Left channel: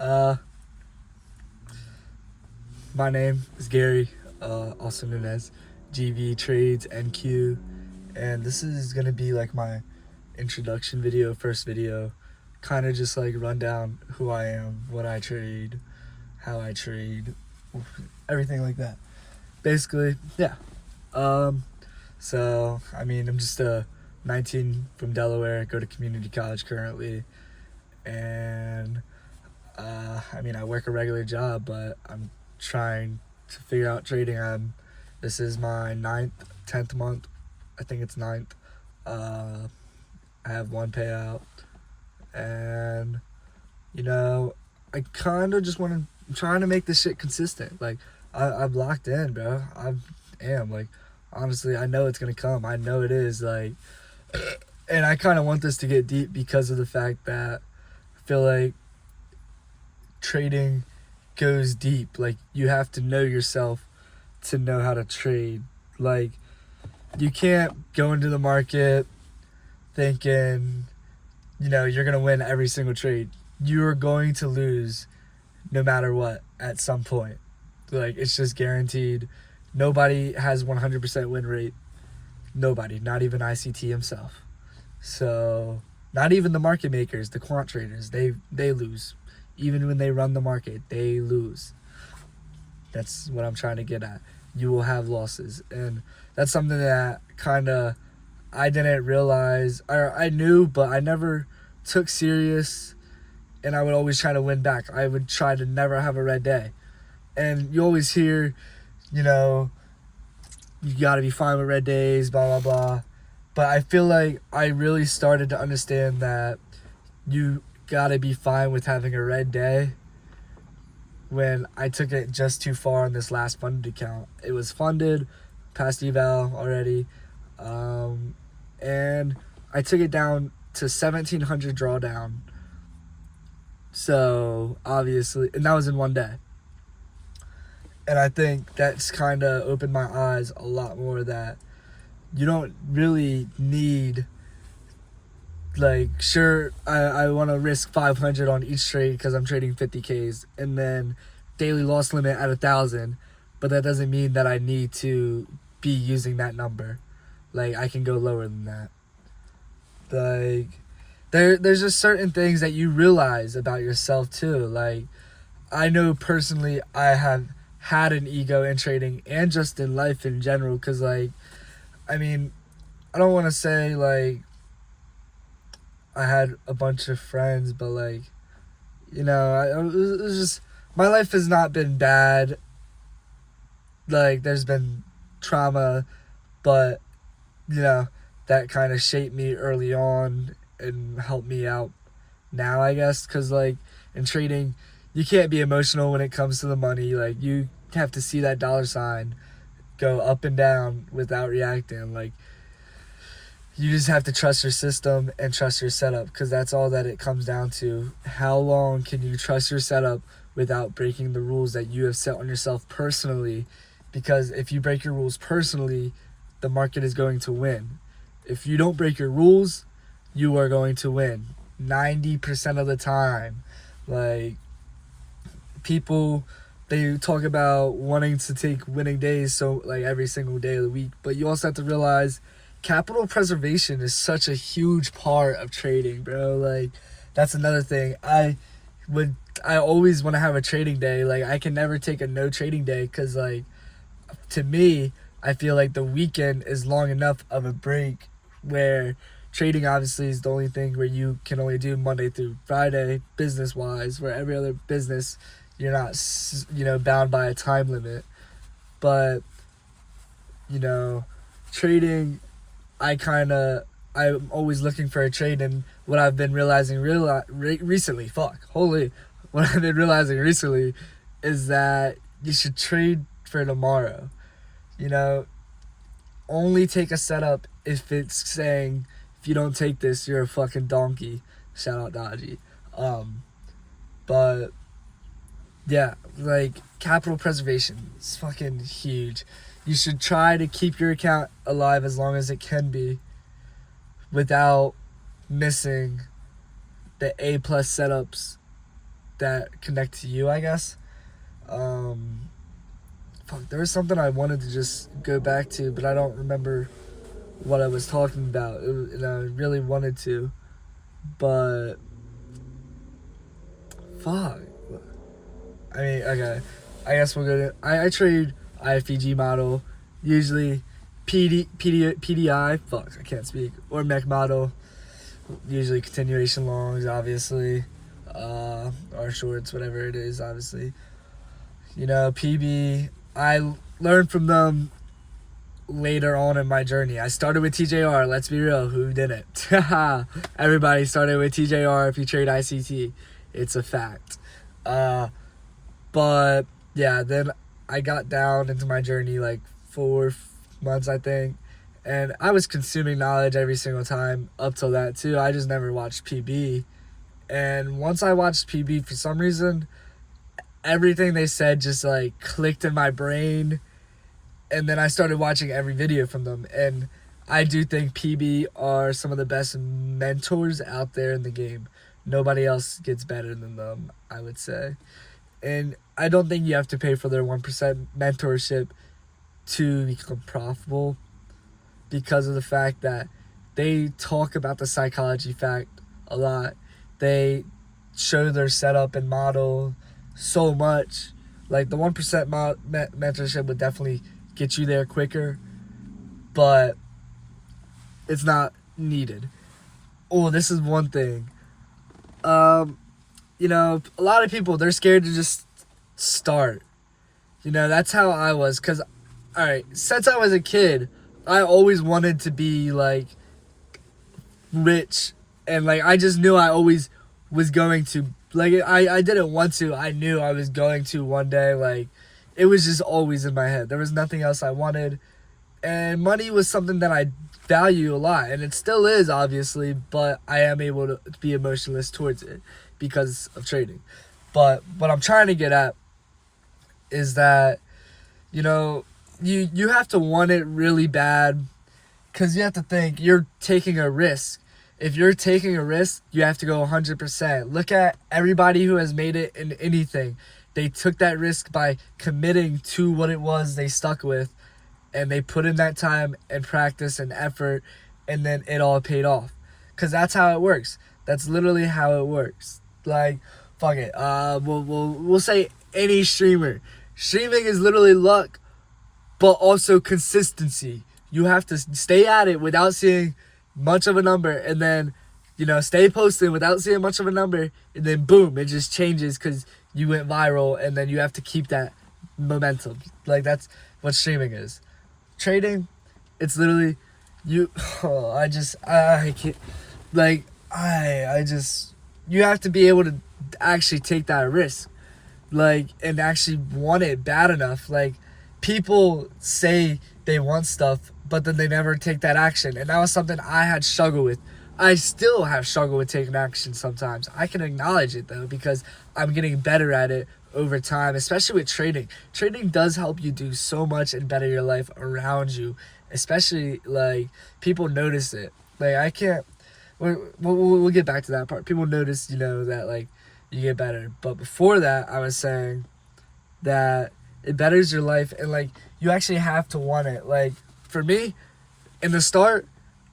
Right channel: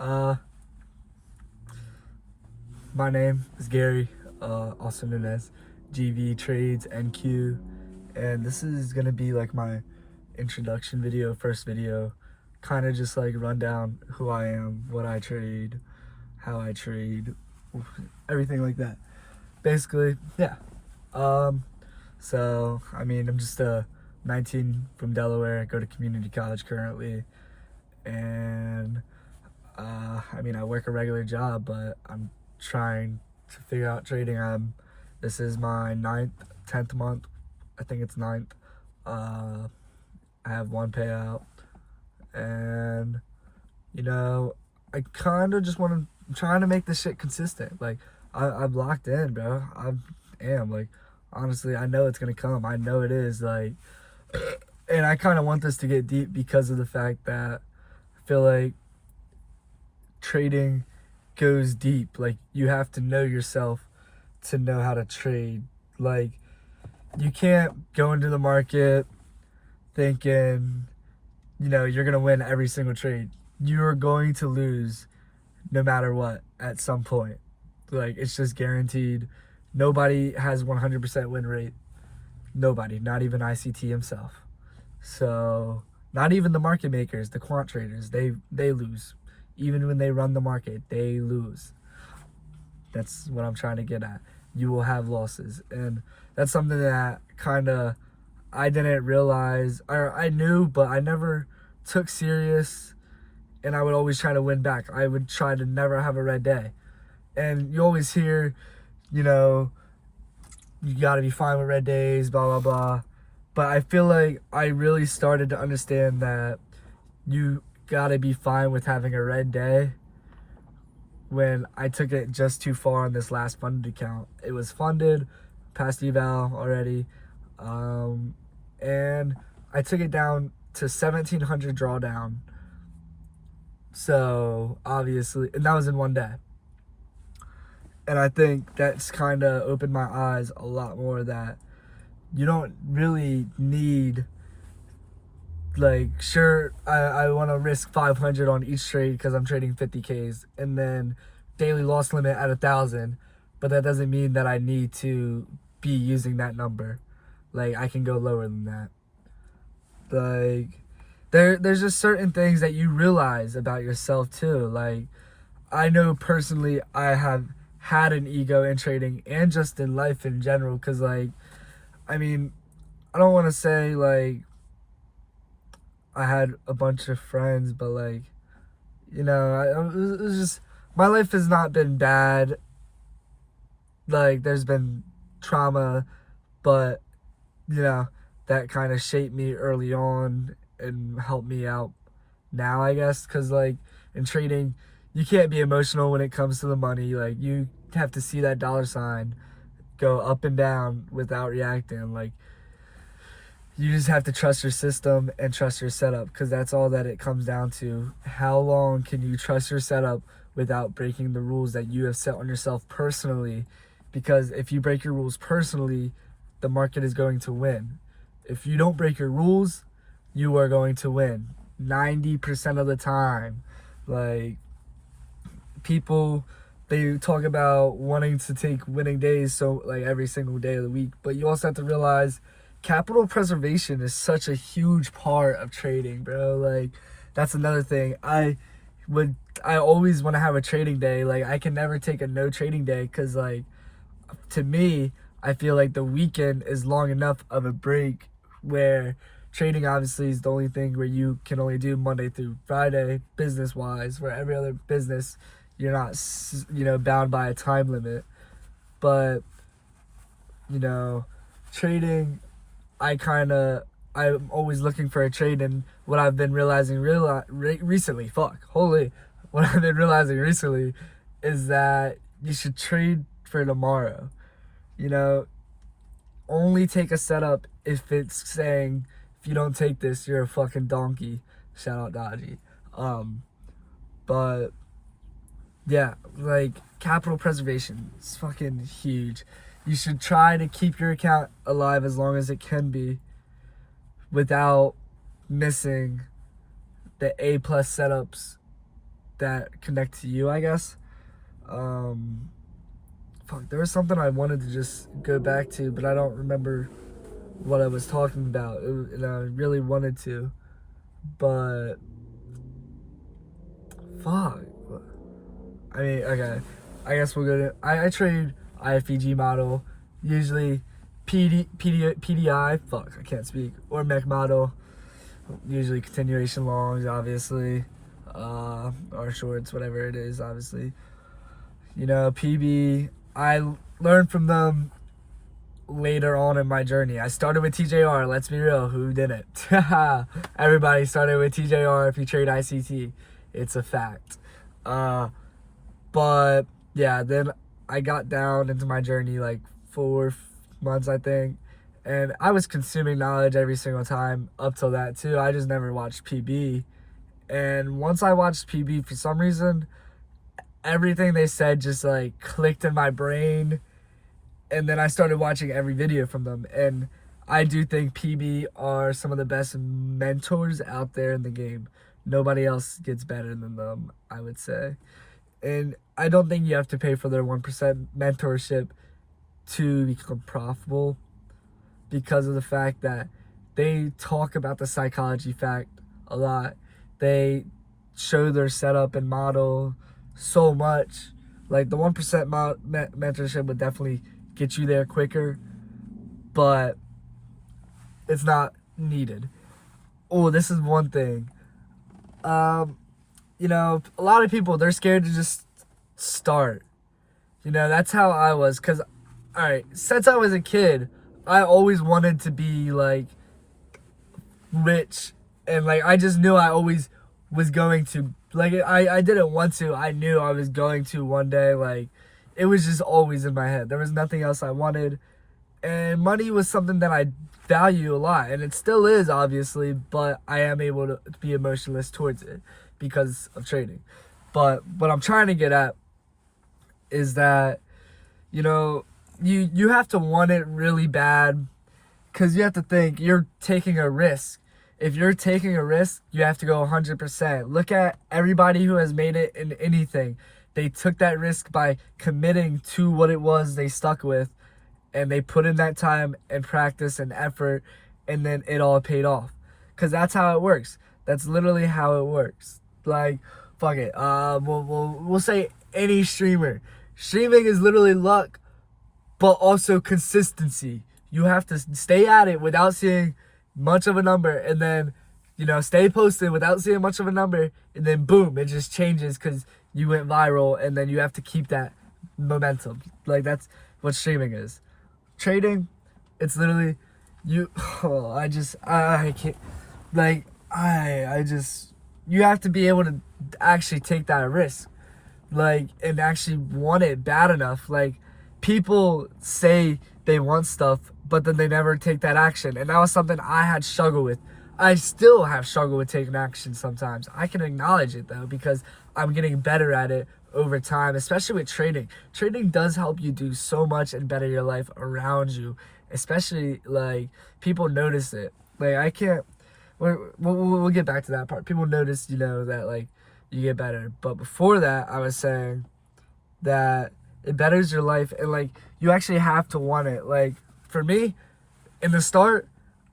Uh, my name is Gary, also known as GV Trades NQ, and this is gonna be like my introduction video, first video, kind of just like run down who I am, what I trade, how I trade, everything like that. Basically, yeah. So I mean, I'm just a 19 from Delaware, go to community college currently, and I mean, I work a regular job, but I'm trying to figure out trading. This is my 10th month. I think it's ninth. I have one payout, and you know, I kind of just want to. I'm trying to make this shit consistent. Like, I'm locked in, bro. I am like, honestly, I know it's gonna come. I know it is like, and I kind of want this to get deep because of the fact that I feel like trading goes deep. Like, you have to know yourself to know how to trade. Like, you can't go into the market thinking, you're going to win every single trade. You're going to lose no matter what at some point. Like, it's just guaranteed. Nobody has 100% win rate. Nobody, not even ICT himself. So, not even the market makers, the quant traders, they lose. Even when they run the market, they lose. That's what I'm trying to get at. You will have losses. And that's something that kind of I didn't realize. I knew, but I never took serious. And I would always try to win back. I would try to never have a red day. And you always hear, you got to be fine with red days, blah, blah, blah. But I feel like I really started to understand that you gotta be fine with having a red day when I took it just too far on this last funded account. It was funded, past eval already, and I took it down to 1,700 drawdown. So obviously, and that was in one day. And I think that's kind of opened my eyes a lot more that you don't really need, like, sure, I want to risk 500 on each trade because I'm trading 50Ks, and then daily loss limit at 1,000, but that doesn't mean that I need to be using that number. Like, I can go lower than that. Like, there's just certain things that you realize about yourself too. Like, I know personally I have had an ego in trading and just in life in general, because, like, I mean, I don't want to say, like, I had a bunch of friends, but, like, it was just, my life has not been bad. Like, there's been trauma, but, that kind of shaped me early on and helped me out now, I guess, because, like, in trading, you can't be emotional when it comes to the money. Like, you have to see that dollar sign go up and down without reacting. Like, you just have to trust your system and trust your setup, because that's all that it comes down to. How long can you trust your setup without breaking the rules that you have set on yourself personally? Because if you break your rules personally, the market is going to win. If you don't break your rules, you are going to win 90% of the time. Like, people, they talk about wanting to take winning days, so, like, every single day of the week, but you also have to realize capital preservation is such a huge part of trading, bro. Like, that's another thing. I always want to have a trading day. Like, I can never take a no trading day, because, like, to me, I feel like the weekend is long enough of a break, where trading obviously is the only thing where you can only do Monday through Friday business wise, where every other business you're not bound by a time limit. But trading, I'm always looking for a trade, and what I've been realizing recently is that you should trade for tomorrow. Only take a setup if it's saying, if you don't take this, you're a fucking donkey. Shout out Dodgy. But yeah, like, capital preservation is fucking huge. You should try to keep your account alive as long as it can be without missing the A+ setups that connect to you, I guess. There was something I wanted to just go back to, but I don't remember what I was talking about. And I really wanted to, but fuck. I mean, okay. I guess we'll go to. I trade IFEG model, usually PDI. Fuck, I can't speak. Or mech model, usually continuation longs, obviously, or shorts, whatever it is, obviously. You know, PB. I learned from them later on in my journey. I started with TJR. Let's be real, who didn't? Everybody started with TJR if you trade ICT. It's a fact. But yeah, then I got down into my journey like 4 months, I think, and I was consuming knowledge every single time up till that too. I just never watched PB, and once I watched PB, for some reason, everything they said just like clicked in my brain, and then I started watching every video from them. And I do think PB are some of the best mentors out there in the game. Nobody else gets better than them, I would say. And I don't think you have to pay for their 1% mentorship to become profitable, because of the fact that they talk about the psychology fact a lot. They show their setup and model so much. Like the 1% mentorship would definitely get you there quicker, but it's not needed. Oh, this is one thing. You know, a lot of people, they're scared to just start. You know, that's how I was. Because, all right, since I was a kid, I always wanted to be, like, rich. And, like, I just knew I always was going to. Like, I didn't want to. I knew I was going to one day. Like, it was just always in my head. There was nothing else I wanted. And money was something that I value a lot. And it still is, obviously. But I am able to be emotionless towards it because of trading. But what I'm trying to get at is that, you know, you have to want it really bad, because you have to think you're taking a risk. If you're taking a risk, you have to go 100%. Look at everybody who has made it in anything. They took that risk by committing to what it was they stuck with, and they put in that time and practice and effort, and then it all paid off. Because that's how it works. That's literally how it works. Like, fuck it. We'll say any streamer. Streaming is literally luck, but also consistency. You have to stay at it without seeing much of a number, and then, you know, stay posting without seeing much of a number, and then boom, it just changes because you went viral, and then you have to keep that momentum. Like, that's what streaming is. Trading, it's literally you. Oh, I can't. Like, I just, you have to be able to actually take that risk, like, and actually want it bad enough. Like, people say they want stuff, but then they never take that action. And that was something I had struggled with. I still have struggled with taking action sometimes. I can acknowledge it, though, because I'm getting better at it over time, especially with trading. Trading does help you do so much and better your life around you, especially, like, people notice it. Like, I can't, we'll get back to that part. People notice, you know, that, like, you get better. But before that, I was saying that it betters your life, and, like, you actually have to want it. Like, for me, in the start,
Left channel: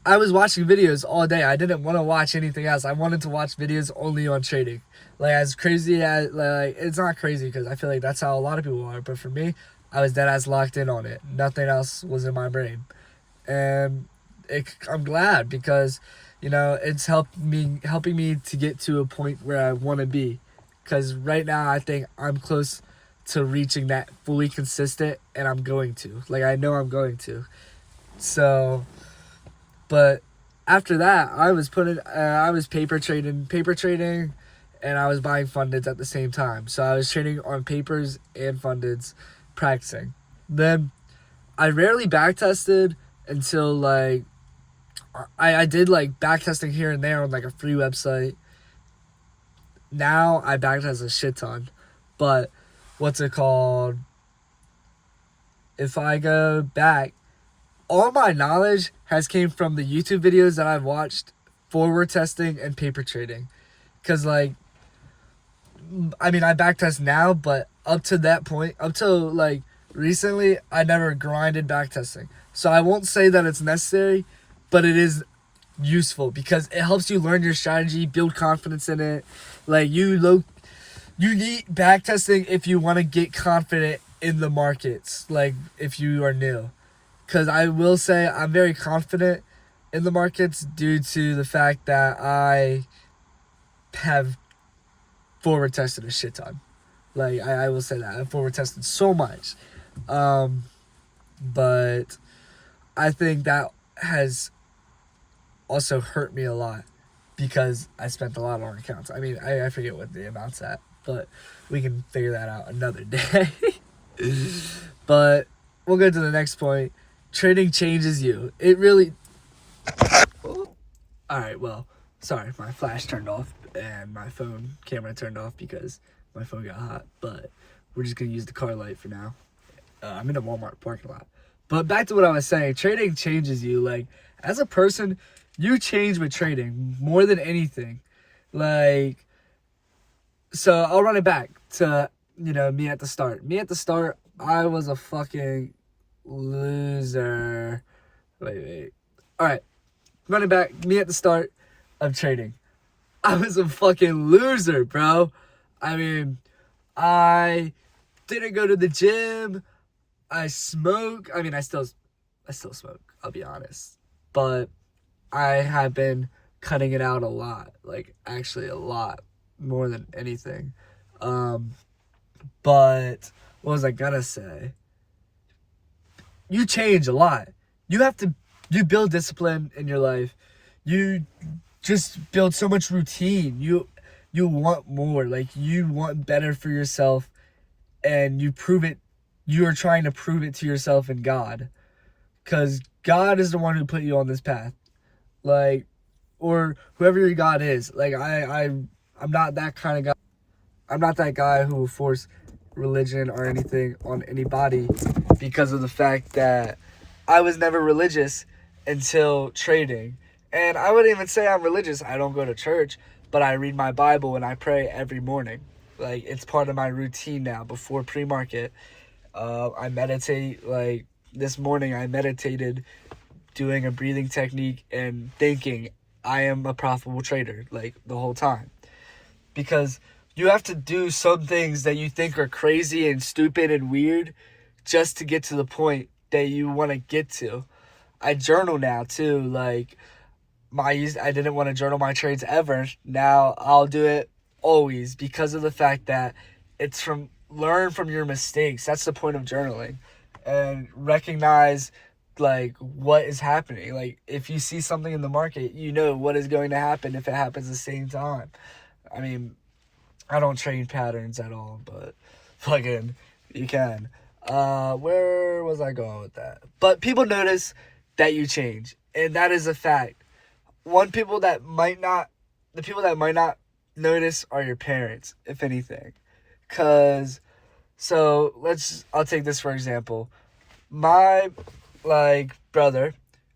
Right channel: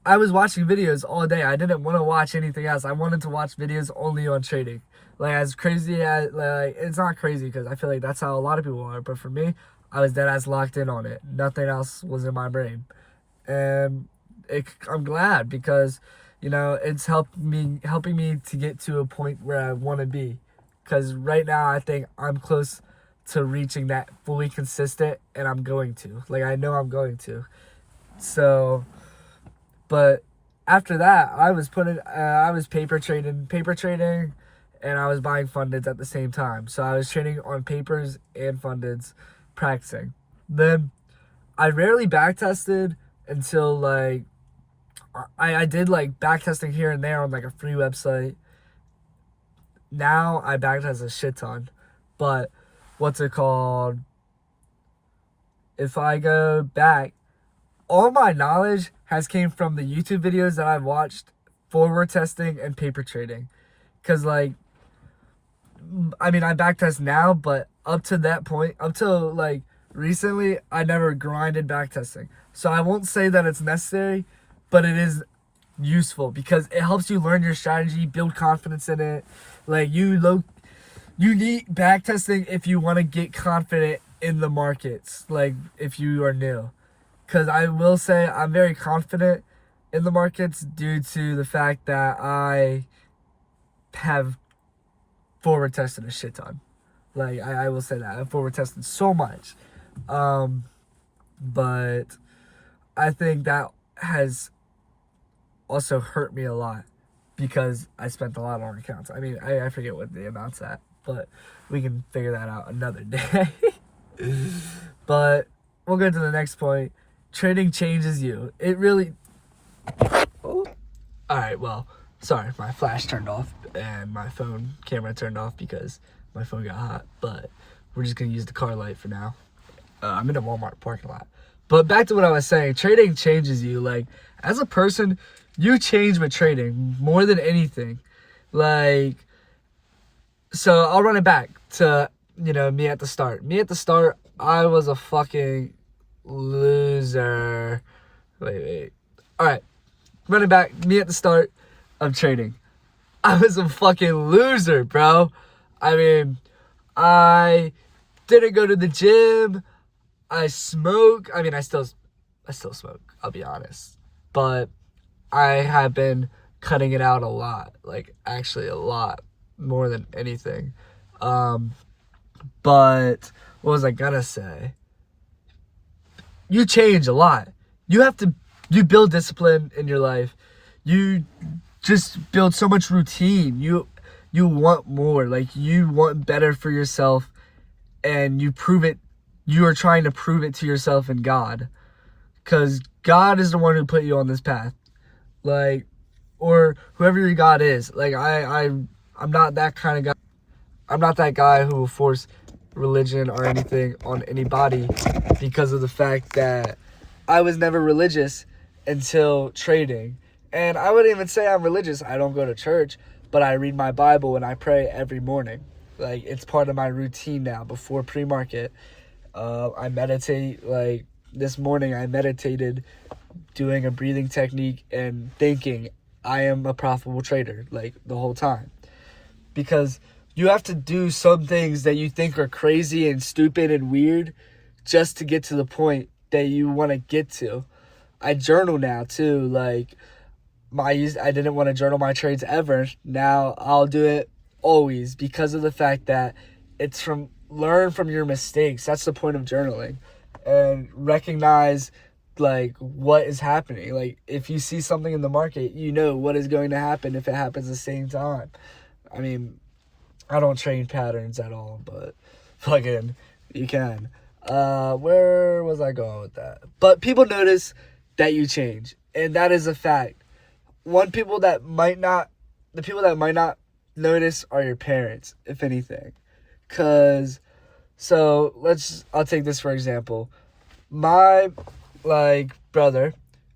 I was watching videos all day. I didn't want to watch anything else. I wanted to watch videos only on trading. Like, as crazy as, like, it's not crazy because I feel like that's how a lot of people are. But for me, I was dead ass locked in on it. Nothing else was in my brain. And I'm glad, because, you know, it's helping me to get to a point where I want to be. Because right now, I think I'm close to reaching that fully consistent, and I'm going to. Like, I know I'm going to. So, but after that, I was paper trading, and I was buying fundeds at the same time. So I was trading on papers and fundeds, practicing. Then I rarely backtested until, like, I did, like, backtesting here and there on, like, a free website. Now I backtest a shit ton. But what's it called? If I go back, all my knowledge has came from the YouTube videos that I've watched, forward testing and paper trading. Because, like, I mean, I backtest now, but up to that point, up till like recently, I never grinded backtesting. So I won't say that it's necessary, but it is useful because it helps you learn your strategy, build confidence in it. Like you need backtesting if you want to get confident in the markets, like if you are new. Because I will say I'm very confident in the markets due to the fact that I have forward tested a shit ton. Like I will say that I've forward tested so much, but I think that has also hurt me a lot because I spent a lot on accounts. I mean, I forget what the amount's at, but we can figure that out another day. But we'll go to the next point. Trading changes you. It really. Oh. All right. Well, sorry, my flash turned off and my phone camera turned off because my phone got hot. But we're just gonna use the car light for now. I'm in a Walmart parking lot. But back to what I was saying. Trading changes you. Like as a person, you change with trading more than anything. Like, so I'll run it back to me at the start. Me at the start, I was a fucking loser. Wait. All right, running back. Me at the start of trading, I was a fucking loser, bro. I mean, I didn't go to the gym. I smoke. I mean, I still smoke. I'll be honest, but I have been cutting it out a lot. Like actually, a lot more than anything. But what was I gonna say? You change a lot. You build discipline in your life. You just build so much routine. You want more. Like you want better for yourself, and you prove it. You are trying to prove it to yourself and God, because God is the one who put you on this path. Like, or whoever your God is. Like I'm not that kind of guy. I'm not that guy who will force religion or anything on anybody because of the fact that I was never religious until trading. And I wouldn't even say I'm religious. I don't go to church, but I read my Bible and I pray every morning. Like it's part of my routine now before pre-market. I meditate. Like this morning I meditated doing a breathing technique and thinking I am a profitable trader like the whole time. Because you have to do some things that you think are crazy and stupid and weird just to get to the point that you want to get to. I journal now too. Like I didn't want to journal my trades ever. Now I'll do it always because of the fact that it's learn from your mistakes. That's the point of journaling. And recognize like what is happening. Like if you see something in the market, you know what is going to happen if it happens at the same time. I mean, I don't train patterns at all, but fucking you can. Where was I going with that? But people notice that you change, and that is a fact. The people that might not notice are your parents, if anything. I'll take this for example. My brother,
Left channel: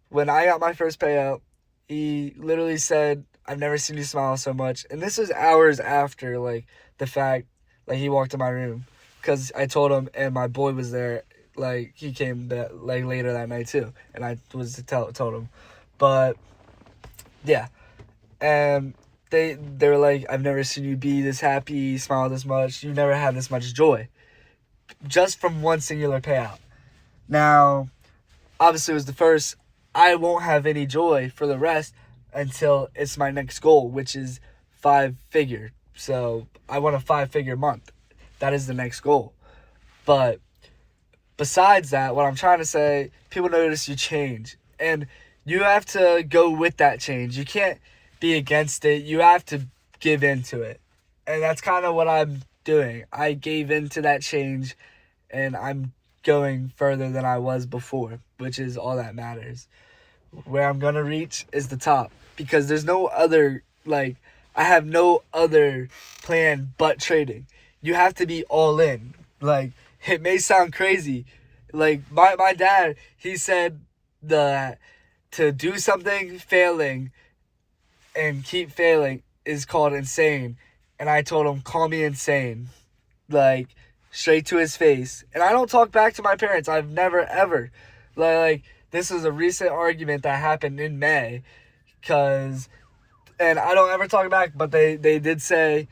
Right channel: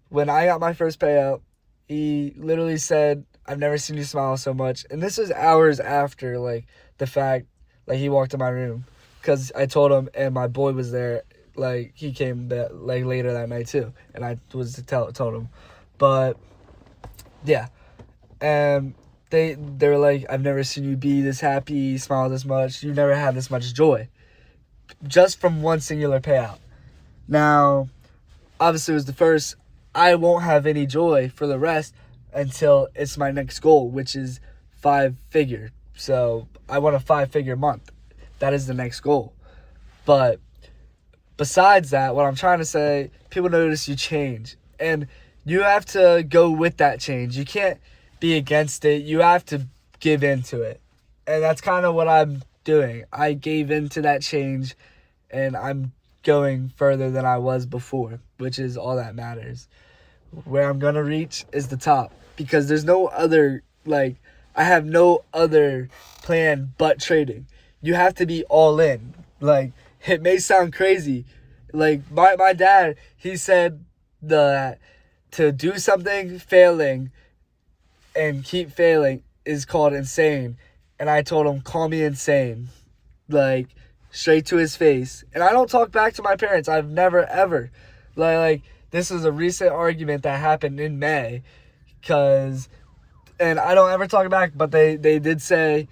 when I got my first payout, he literally said, I've never seen you smile so much. And this was hours after, the fact, he walked in my room. Because I told him, and my boy was there, he came later that night too. And I told him. But, yeah. And they were like, I've never seen you be this happy, smile this much. You never had this much joy. Just from one singular payout. Now, obviously it was the first. I won't have any joy for the rest until it's my next goal, which is 5-figure. So I want a 5-figure month. That is the next goal. But besides that, what I'm trying to say, people notice you change. And you have to go with that change. You can't be against it. You have to give into it. And that's kind of what I'm doing. I gave into that change, and I'm going further than I was before, which is all that matters. Where I'm going to reach is the top, because there's no other, I have no other plan but trading. You have to be all in. It may sound crazy. My dad, he said that to do something failing and keep failing is called insane. and I told him, call me insane. Like, straight to his face. And I don't talk back to my parents. I've never, ever. Like this is a recent argument that happened in May. And I don't ever talk back, but they did say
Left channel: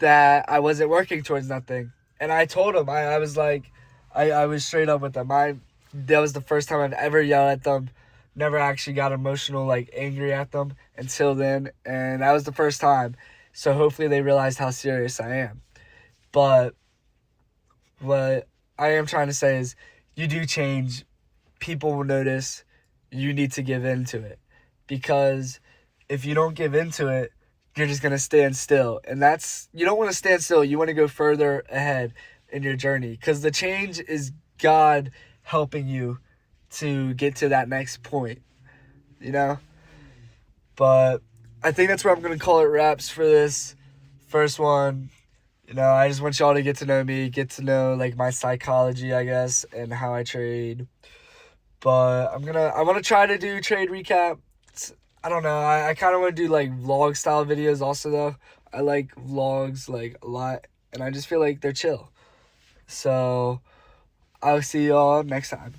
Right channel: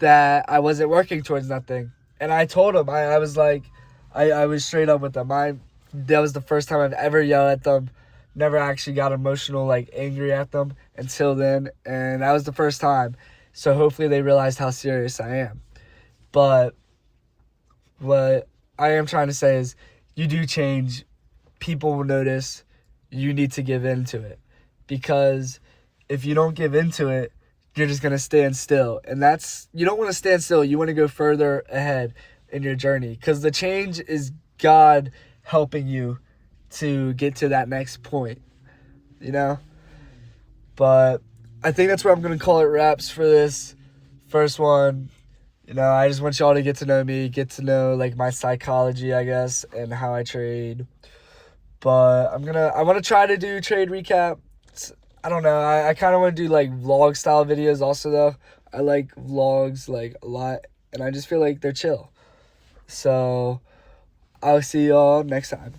that I wasn't working towards nothing. And I told them, I was like, I was straight up with them. That was the first time I've ever yelled at them. Never actually got emotional, like angry at them until then. And that was the first time. So hopefully they realized how serious I am. But what I am trying to say is you do change. People will notice. You need to give in to it. Because if you don't give into it, you're just going to stand still. And you don't want to stand still. You want to go further ahead in your journey. Because the change is God helping you to get to that next point. You know? But I think that's where I'm going to call it wraps for this first one. You know, I just want y'all to get to know me, get to know, like, my psychology, I guess, and how I trade. But I want to try to do trade recap. I don't know. I kind of want to do, like, vlog style videos also, though. I like vlogs, like, a lot. And I just feel like they're chill. So, I'll see y'all next time.